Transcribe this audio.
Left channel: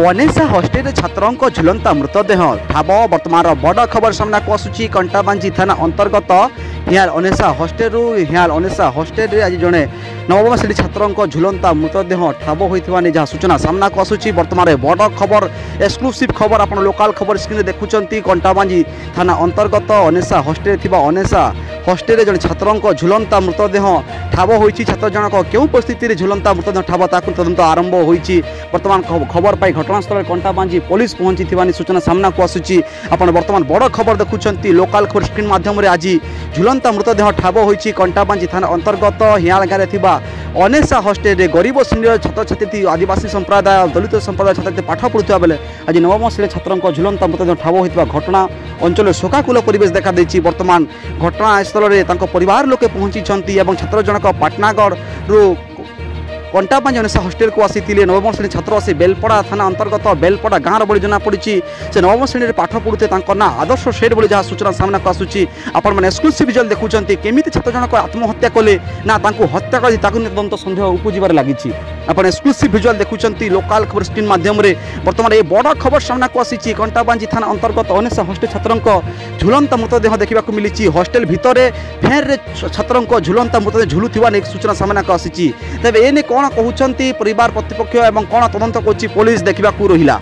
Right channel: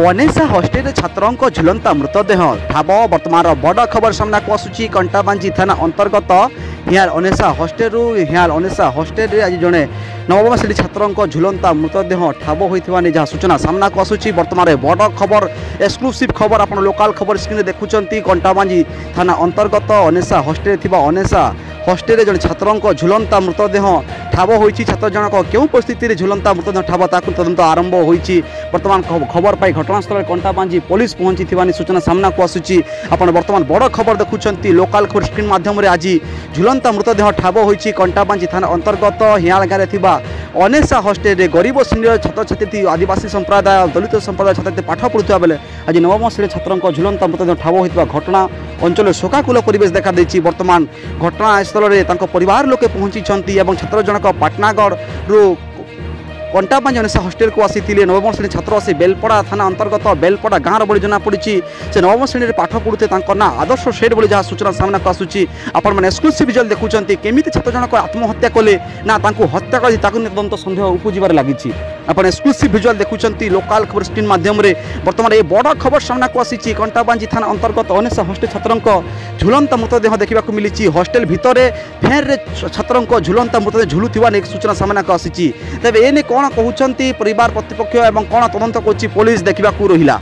अनेसा hostel छात्रों झुलंता मृतदेह ठाब बर्तमान बड़ खबर सामना को आसूची कंटाबांजी थाना अंतर्गत हियाल अनेसा हस्टेल आज जड़े नवम श्रेणी छात्रों झुलंता मृतदेह ठाब होता जहाँ सूचना सामना को आसूची बर्तमान बड़ खबर एक्सक्लूसिव खबर आप लोकाल खबर स्क्रीन देखुं कंटाबांजी थाना अंतर्गत अनेसा हस्टेल जड़े छात्रों झुलंता मृतदेह ठाब हो छात्र जनक क्यों परिस्थिति झुलंता मृतदेह ठाब ताकू तदंत आरंभ हो बर्तमान खबर पाई घटनास्थल कंटाबांजी पुलिस पहुंची सूचना सामना को आसूची आपण बर्तमान बड़ खबर देखुं लोकाल खबर स्क्रीन माध्यम आज झुलंता मृतदेह ठाब हो कंटाबांजी थाना अंतर्गत हियाल गाँव अनेसा हस्टेल गरीब श्रेणी छात्र छात्री आदिवासी संप्रदाय दलित संप्रदाय छात्र पाठ पढ़ुवा बेले आज नवम श्रेणी छात्रों झुलंता मृतदेह ठाब होता घटना अंचल शोकाकूल परिवेश देखा देछि। बर्तमान घटनास्थल में परिवार लोके पहुंची छात्र जनक पाटनागढ़ रु कंटाबांजी अनेसा हस्टेल को आसी नवम श्रेणी छात्र से बेलपड़ा थाना अंतर्गत बेलपड़ा गाँव बड़ी जना पड़ी से नवम श्रेणी में पाठ पढ़ुते ना आदर्श शेड बड़ी जहाँ सूचना सामना को आसूची आपण मैंने एक्सक्लूसिव विजुअल देखुं केमी छात्र जनक आत्महत्या कले ना हत्या कर तदंत सन्देह उपजार लगी आप एक्सक्लूसिव विजुअल देखुं लोकाल खबर स्क्रीन माध्यम बर्तमान ये बड़ खबर सामना को आसी कंटाबांजी थाना अंतर्गत अनेसा हस्टेल छात्रों झुलंता मृतदेह देखा मिली हस्टेल भितर फैन छात्रों झुलंता मृतदेह झुलुवा सूचना सामना को आसी तेज एने कौन कहते परिवार प्रतिपक्ष और कौन तदंत कर पुलिस देखा रहा।